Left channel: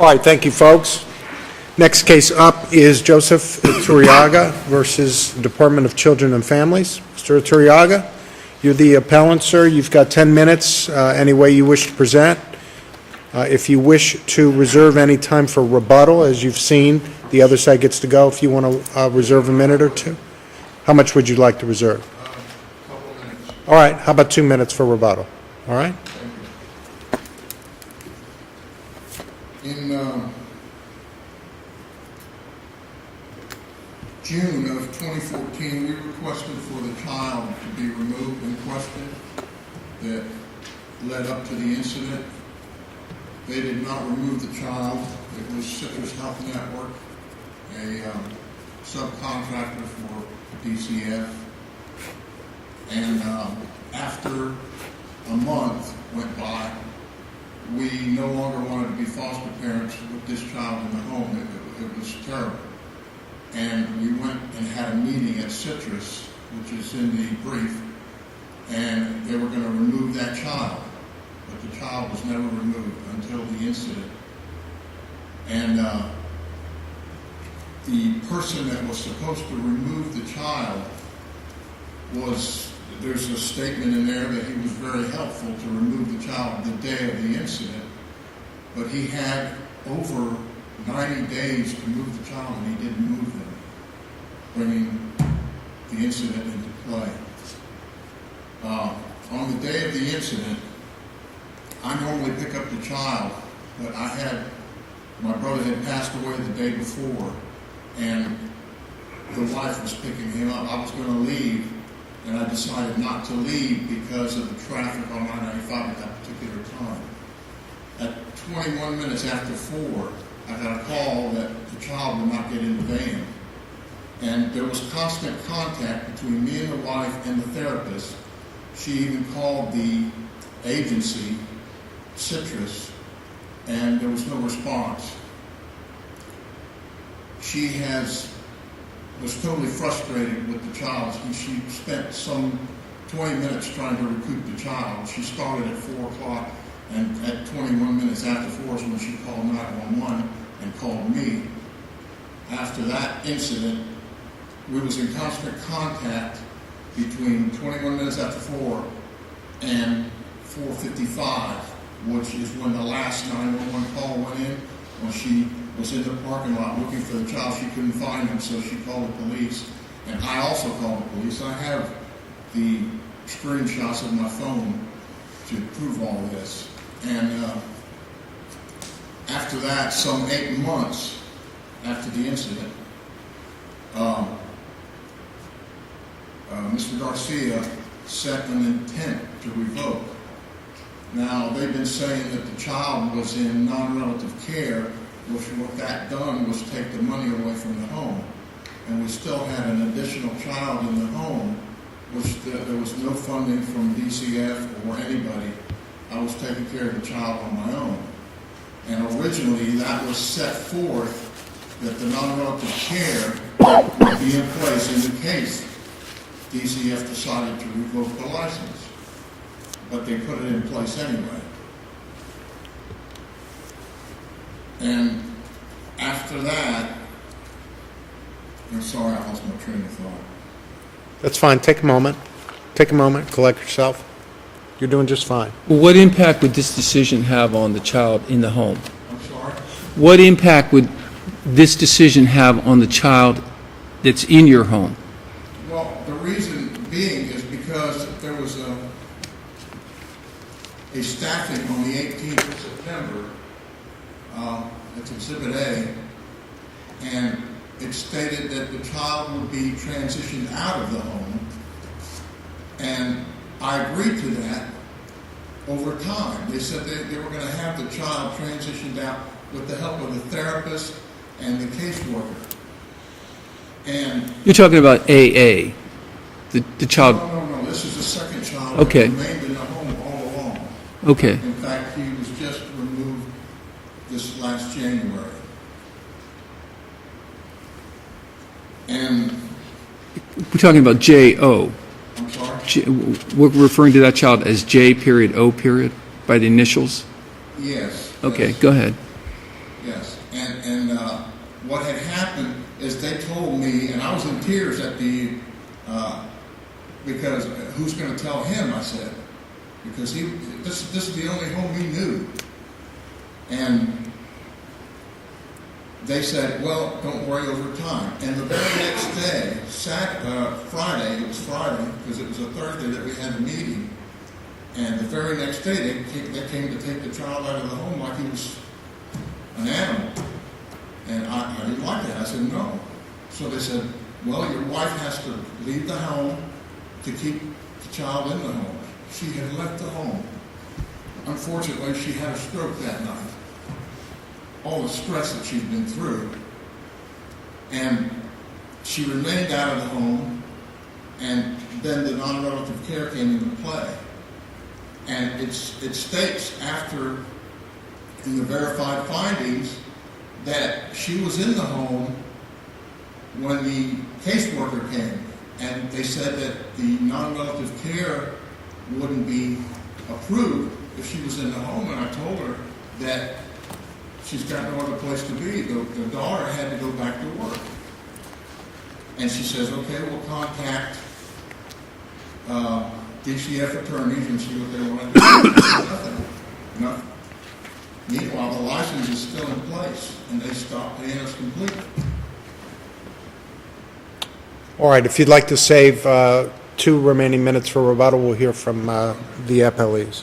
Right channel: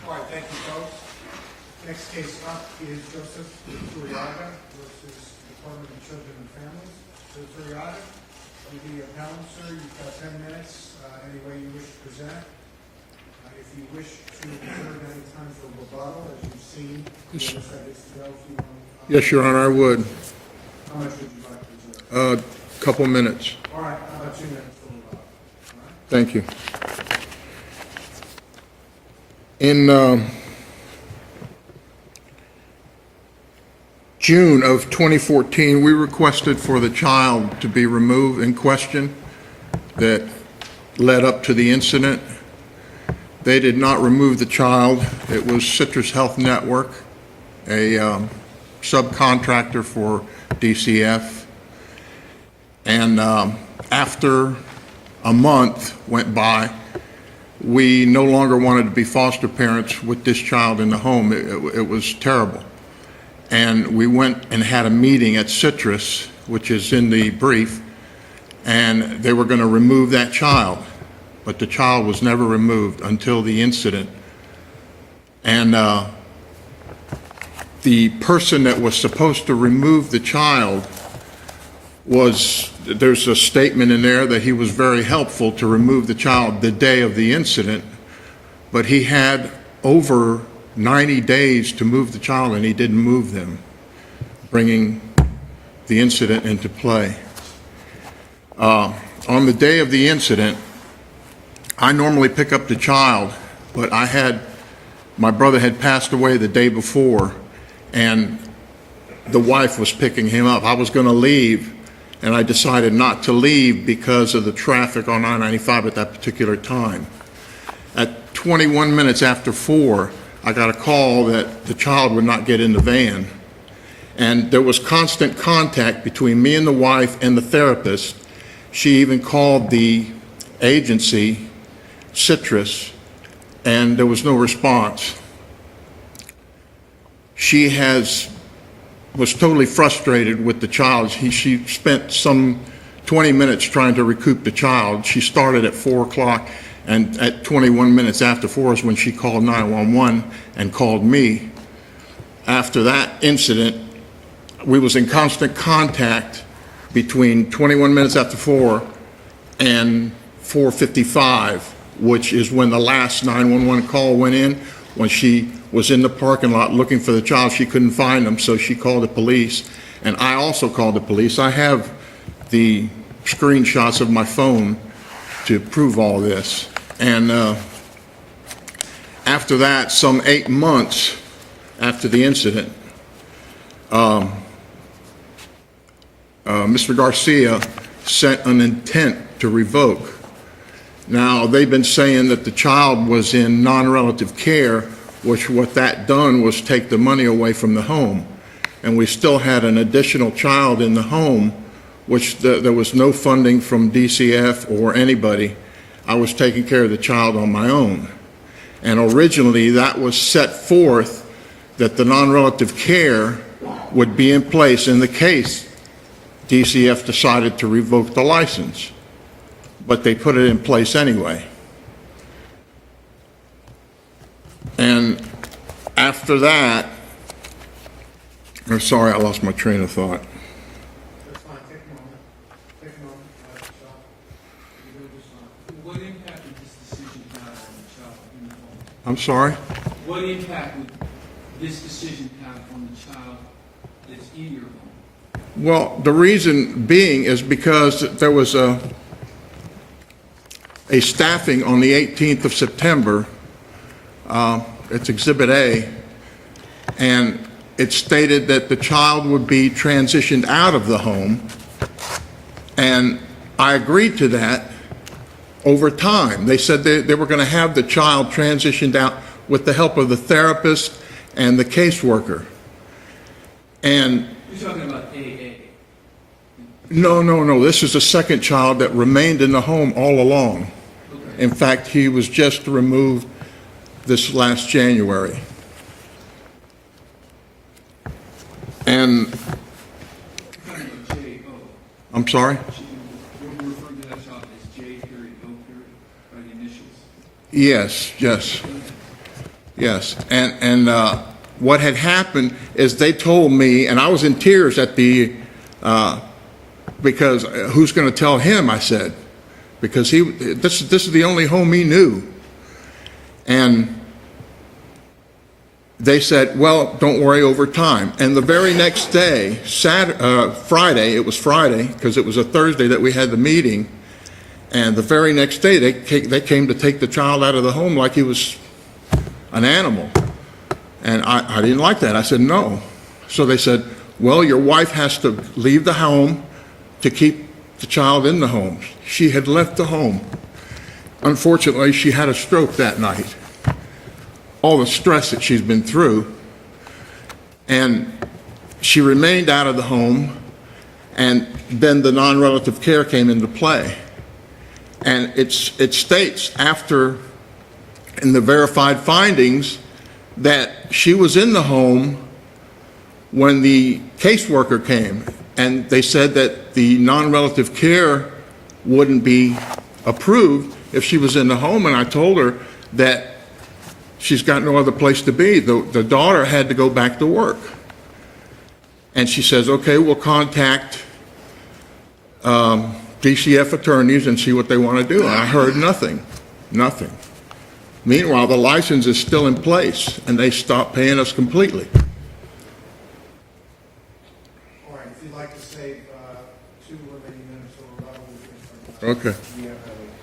All right, thank you, folks. Next case up is Joseph Iturriaga versus Department of Children and Families. Mr. Iturriaga, you're the appellant, sir. You've got 10 minutes, any way you wish to present. If you wish to reserve any time for rebuttal, as you've seen, the other side gets to go if you want to reserve a minute or two. How much would you like to reserve? A couple minutes. All right, how about 2 minutes for rebuttal? All right? Thank you. In June of 2014, we requested for the child to be removed in question that led up to the incident. They did not remove the child. It was Citrus Health Network, a subcontractor for DCF. And after a month went by, we no longer wanted to be foster parents with this child in the home. It was terrible. And we went and had a meeting at Citrus, which is in the brief, and they were going to remove that child. But the child was never removed until the incident. And the person that was supposed to remove the child there's a statement in there that he was very helpful to remove the child the day of the incident, but he had over 90 days to move the child and he didn't move them, bringing the incident into play. On the day of the incident, I normally pick up the child, but my brother had passed away the day before and the wife was picking him up. I was going to leave, and I decided not to leave because of the traffic on I-95 at that particular time. At 21 minutes after 4, I got a call that the child would not get in the van. And there was constant contact between me and the wife and the therapist. She even called the agency, Citrus, and there was no response. She was totally frustrated with the child. She spent some 20 minutes trying to recoup the child. She started at 4 o'clock, and at 21 minutes after 4 is when she called 911 and called me. After that incident, we was in constant contact between 21 minutes after 4 and 4:55, which is when the last 911 call went in. When she was in the parking lot looking for the child, she couldn't find him, so she called the police. And I also called the police. I have the screenshots of my phone to prove all this. And after that, some 8 months after the incident, Mr. Garcia sent an intent to revoke. Now, they've been saying that the child was in non-relative care, which what that done was take the money away from the home. And we still had an additional child in the home, which there was no funding from DCF or anybody. I was taking care of the child on my own. And originally, that was set forth that the non-relative care would be in place in the case DCF decided to revoke the license. But they put it in place anyway. And after that, I'm sorry, I lost my train of thought. That's fine. Take a moment. Take a moment. Collect yourself. You're doing just fine. Well, what impact would this decision have on the child in the home? I'm sorry? What impact would this decision have on the child that's in your home? Well, the reason being is because there was a staffing on the 18th of September. It's Exhibit A, and it stated that the child would be transitioned out of the home, and I agreed to that over time. They said they were going to have the child transitioned out with the help of the therapist and the caseworker. And You're talking about AA, the child. No. This is the second child that remained in the home all along. Okay. In fact, he was just removed this last January. And We're talking about J.O. I'm sorry? We're referring to that child as J.O. by the initials? Yes. Okay, go ahead. Yes, and what had happened is they told me, and I was in tears at the, because who's going to tell him, I said, because this is the only home he knew. And they said, well, don't worry, over time. And the very next day, Friday, it was Friday, because it was a Thursday that we had the meeting, and the very next day they came to take the child out of the home like he was an animal. And I didn't like that. I said, no. So they said, well, your wife has to leave the home to keep the child in the home. She had left the home. Unfortunately, she had a stroke that night. All the stress that she's been through. And she remained out of the home, and then the non-relative care came into play. And it states in the verified findings, that she was in the home when the caseworker came, and they said that the non-relative care wouldn't be approved if she was in the home, and I told her that she's got no other place to be. The daughter had to go back to work. And she says, okay, we'll contact DCF attorneys and see what they want to do. And I heard nothing. Meanwhile, the license is still in place, and they stopped paying us completely. All right, if you'd like to save 2 remaining minutes for rebuttal, we'll hear from the appellees.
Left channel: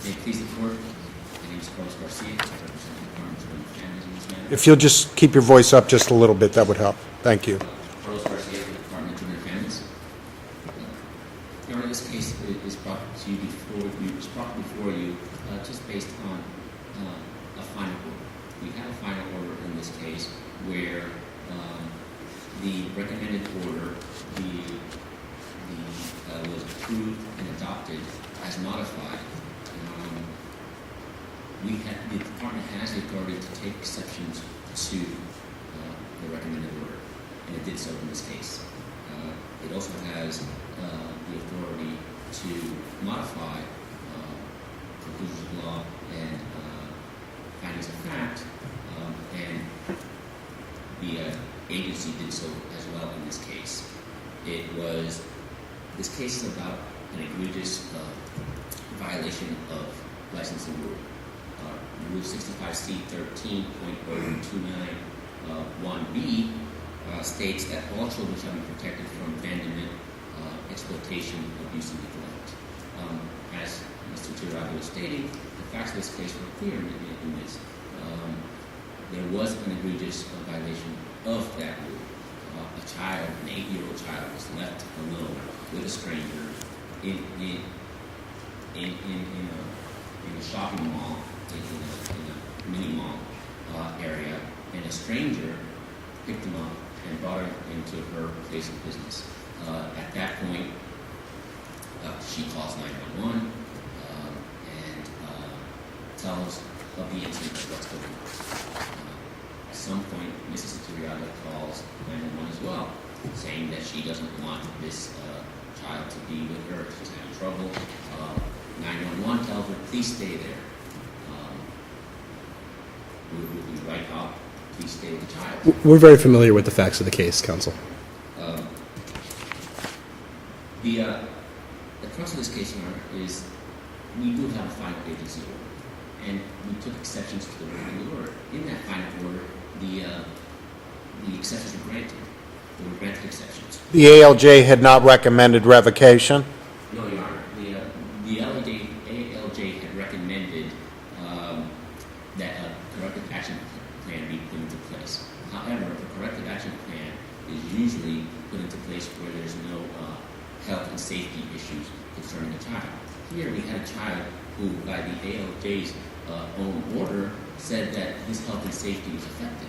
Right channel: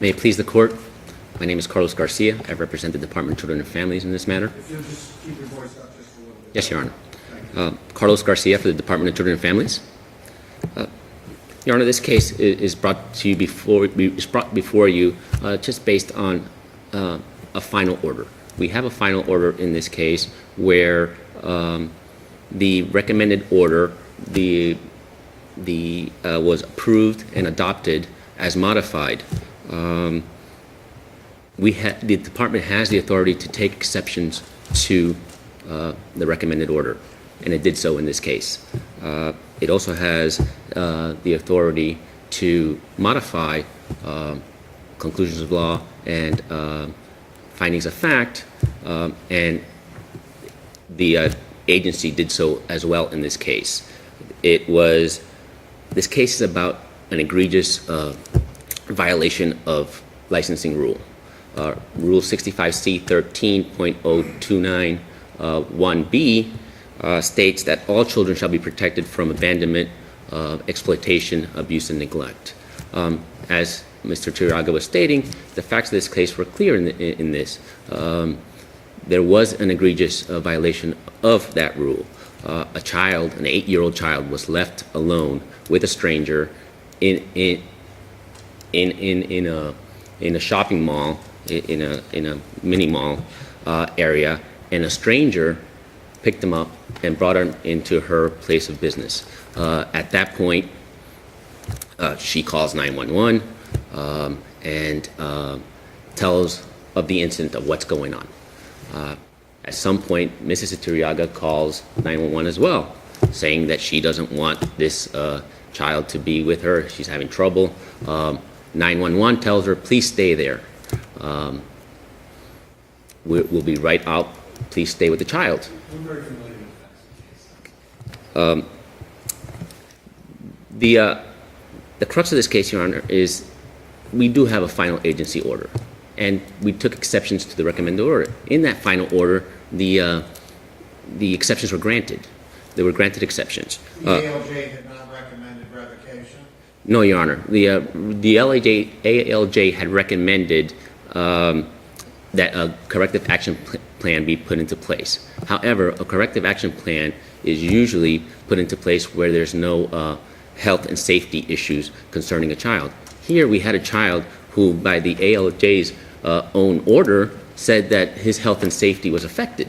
May it please the court, my name is Carlos Garcia. I represent the Department of Children and Families in this matter. If you'll just keep your voice up just a little bit, that Yes, would Your help. Thank you. Honor. Carlos Garcia for the Department of Children and Families. Your Honor, this case is brought before you just based on a final order. We have a final order in this case where the recommended order was approved and adopted as modified. The department has the authority to take exceptions to the recommended order, and it did so in this case. It also has the authority to modify conclusions of law and findings of fact, and the agency did so as well in this case. This case is about an egregious violation of licensing rule. Rule 65C-13.029 1B states that all children shall be protected from abandonment, exploitation, abuse, and neglect. As Mr. Iturriaga was stating, the facts of this case were clear in this. There was an egregious violation of that rule. A child, an 8-year-old child, was left alone with a stranger in a shopping mall, in a mini mall area, and a stranger picked him up and brought him into her place of business. At that point, she calls 911 and tells of the incident of what's going on. At some point, Mrs. Iturriaga calls 911 as well, saying that she doesn't want this child to be with her. She's having trouble. 911 tells her, please stay there. We'll be right out. Please stay with the child. We're very familiar with the facts of the case, counsel. The crux of this case, Your Honor, is we do have a final agency order, and we took exceptions to the recommended order. In that final order, the exceptions were granted. They were granted exceptions. The ALJ had not recommended revocation? No, Your Honor. The ALJ had recommended that a corrective action plan be put into place. However, a corrective action plan is usually put into place where there's no health and safety issues concerning a child. Here we had a child who, by the ALJ's own order, said that his health and safety was affected.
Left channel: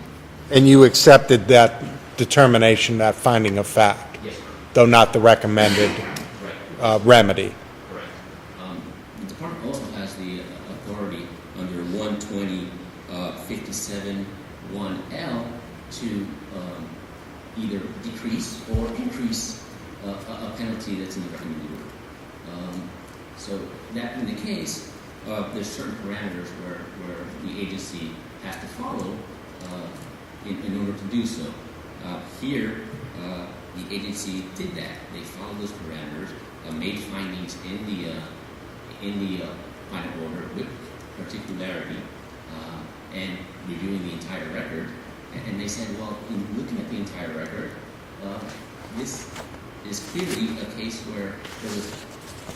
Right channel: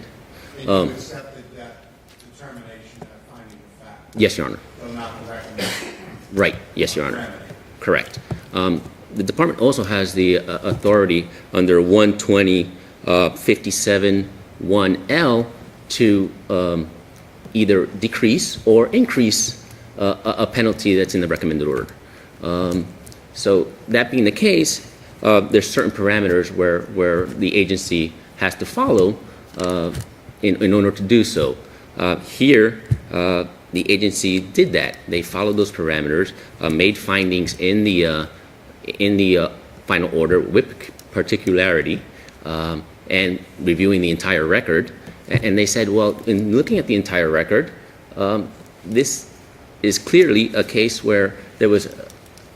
And you accepted that determination, that finding of fact? Yes, Your Honor. Though not the recommended Right. Yes, Your Honor. remedy? Correct. The department also has the authority under 120-57-1L to either decrease or increase a penalty that's in the recommended order. So that being the case, there's certain parameters where the agency has to follow in order to do so. Here, the agency did that. They followed those parameters, made findings in the final order with particularity, and reviewing the entire record. And they said, well, in looking at the entire record, this is clearly a case where there was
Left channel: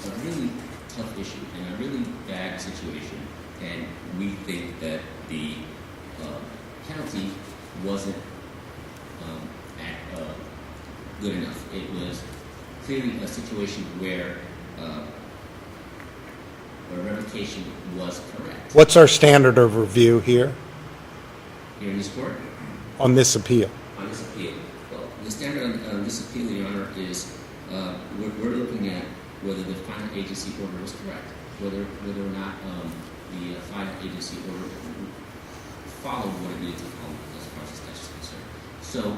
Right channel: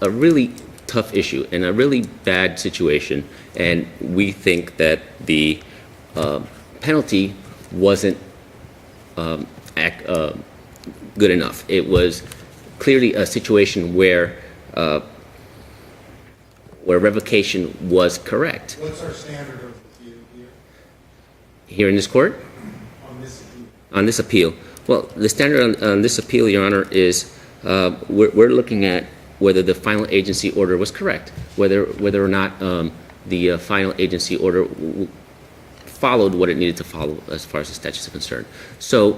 a really tough issue and a really bad situation, and we think that the penalty wasn't good enough. It was clearly a situation where revocation was correct. What's our standard of review here Here in this court, on this appeal? on this appeal, well, the standard on this appeal, Your Honor, is we're looking at whether the final agency order was correct, whether or not the final agency order followed what it needed to follow as far as the statute is concerned. So,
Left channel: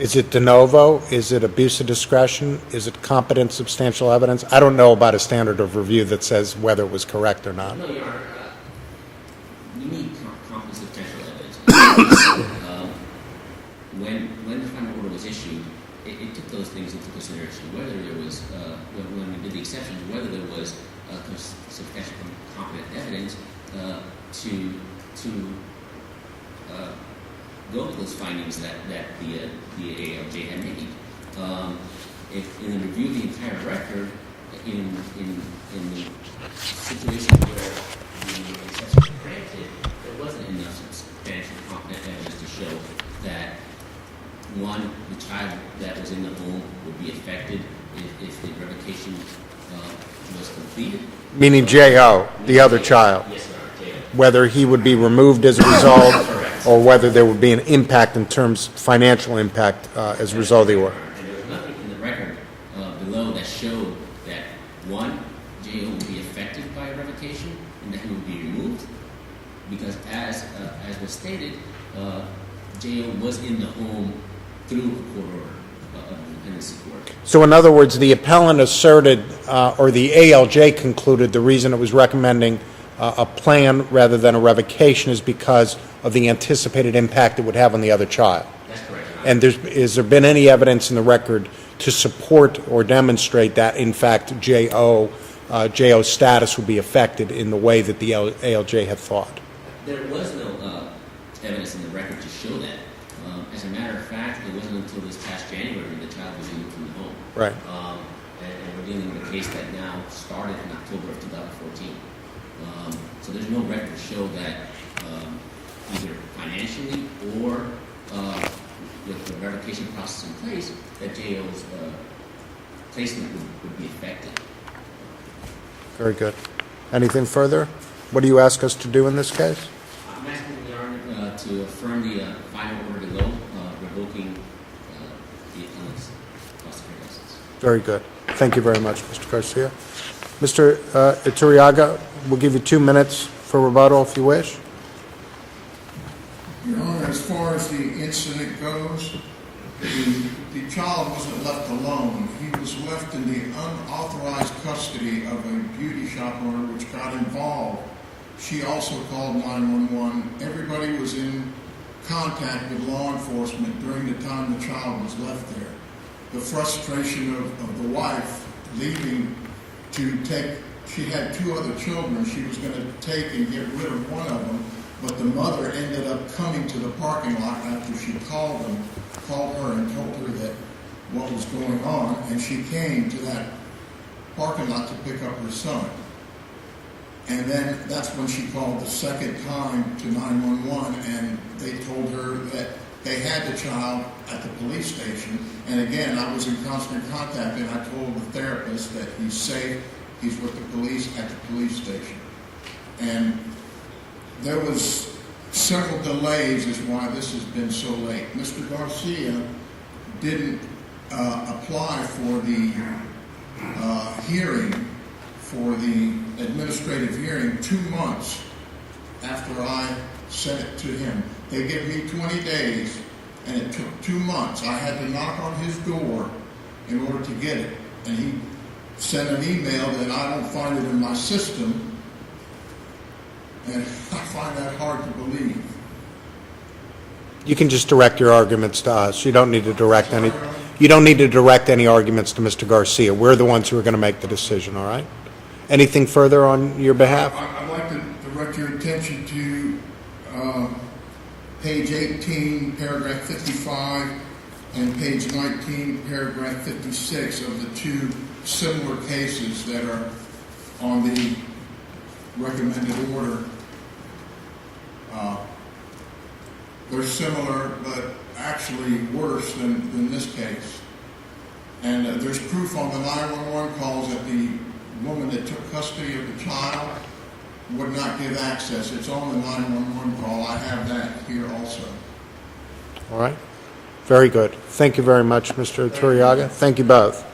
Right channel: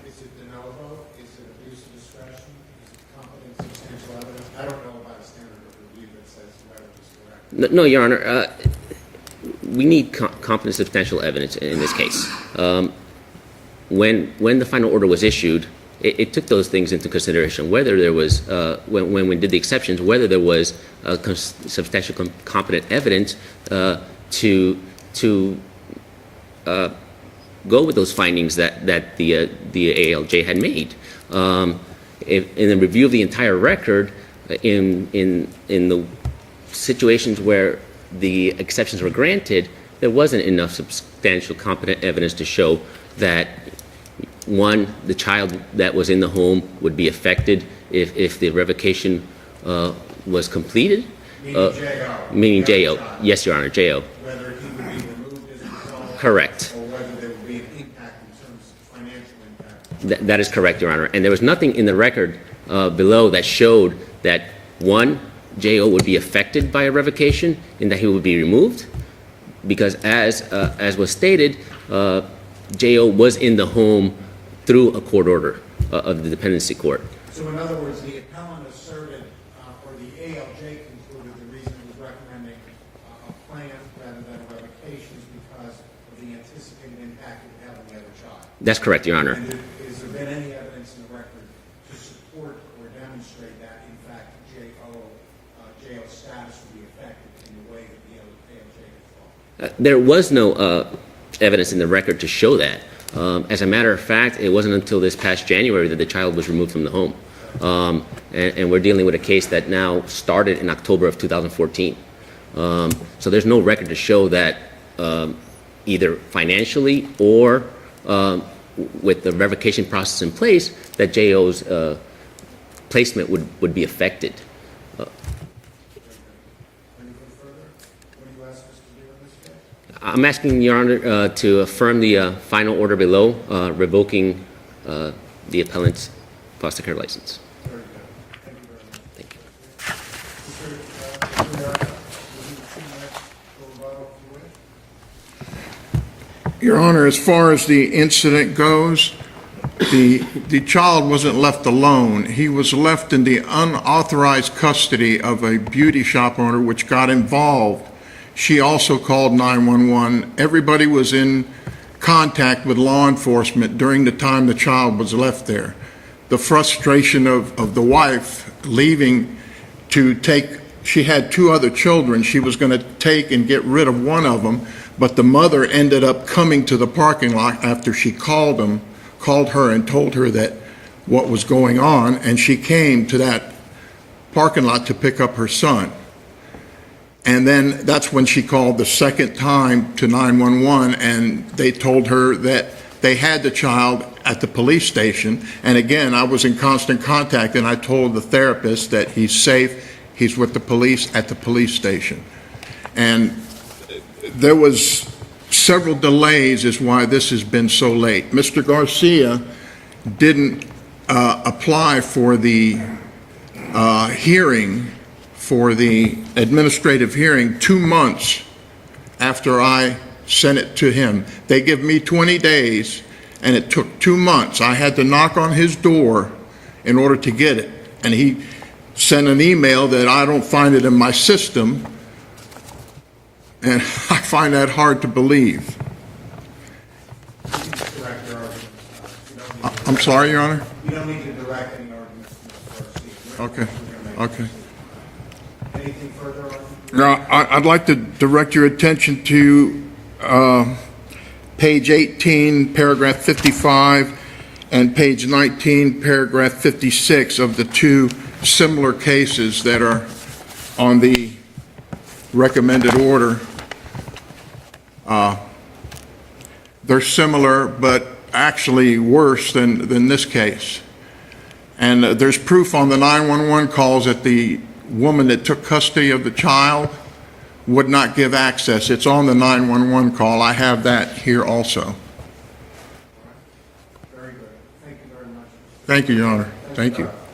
Is it de novo? Is it abuse of discretion? Is it competent substantial evidence? I don't know about a standard of review that says whether it was correct or not. no, Your Honor, we need competent substantial evidence in this case. When the final order was issued, it took those things into consideration, whether there was, when we did the exceptions, whether there was substantial competent evidence to go with those findings that the ALJ had made. In the review of the entire record, in the situations where the exceptions were granted, there wasn't enough substantial competent evidence to show that, one, the child that was in the home would be affected if the revocation was completed. Meaning J.O., Meaning the other J.O. child. Yes, Your Honor, J.O. Whether he would be removed as a result. Correct. Or whether there would be an impact in terms, financial impact as a That is result of correct, the Your order. Honor. And there was nothing in the record below that showed that, one, J.O. would be affected by a revocation and that he would be removed, because as was stated, J.O. was in the home through a court order of the dependency court. So in other words, the appellant asserted, or the ALJ concluded, the reason it was recommending a plan rather than a revocation is because of the anticipated impact it would have on the other child. That's correct, Your Honor. And has there been any evidence in the record to support or demonstrate that, in fact, J.O.'s status would be affected in the way that the ALJ had thought? There was no evidence in the record to show that. As a matter of fact, it wasn't until this past January that the child was removed from the home. Right. And we're dealing with a case that now started in October of 2014. So there's no record to show that either financially or with the revocation process in place, that J.O.'s placement would be affected. Very good. Anything further? What do you ask us to do in this case? I'm asking, Your Honor, to affirm the final order below, revoking the appellant's foster care license. Very good. Thank you very much, Mr. Garcia. Mr. Iturriaga, we'll give you 2 minutes for rebuttal if you wish. Your Honor, as far as the incident goes, the child wasn't left alone. He was left in the unauthorized custody of a beauty shop owner, which got involved. She also called 911. Everybody was in contact with law enforcement during the time the child was left there. The frustration of the wife leaving to take, she had 2 other children. She was going to take and get rid of one of them, but the mother ended up coming to the parking lot after she called her and told her that what was going on, and she came to that parking lot to pick up her son. And then that's when she called the second time to 911, and they told her that they had the child at the police station. And again, I was in constant contact, and I told the therapist that he's safe, he's with the police at the police station. And there was several delays is why this has been so late. Mr. Garcia didn't apply for the hearing, for the administrative hearing, 2 months after I sent it to him. They give me 20 days, and it took 2 months. I had to knock on his door in order to get it. And he sent an email that I don't find it in my system, and I find that hard to believe. You can just direct your arguments to us. You don't need to direct. I'm sorry, any- Your Honor? You don't need to direct any arguments to Mr. Garcia. We're the ones who are going to make the decision, all right? Anything further on your Now, behalf? I'd like to direct your attention to page 18, paragraph 55, and page 19, paragraph 56 of the two similar cases that are on the recommended order. They're similar, but actually worse than this case. And there's proof on the 911 calls that the woman that took custody of the child would not give access. It's on the 911 call. I have that here also. All right? Very good. Thank you very much, Mr. Thank you, Your Honor. Iturriaga. Thank you Thank you. both.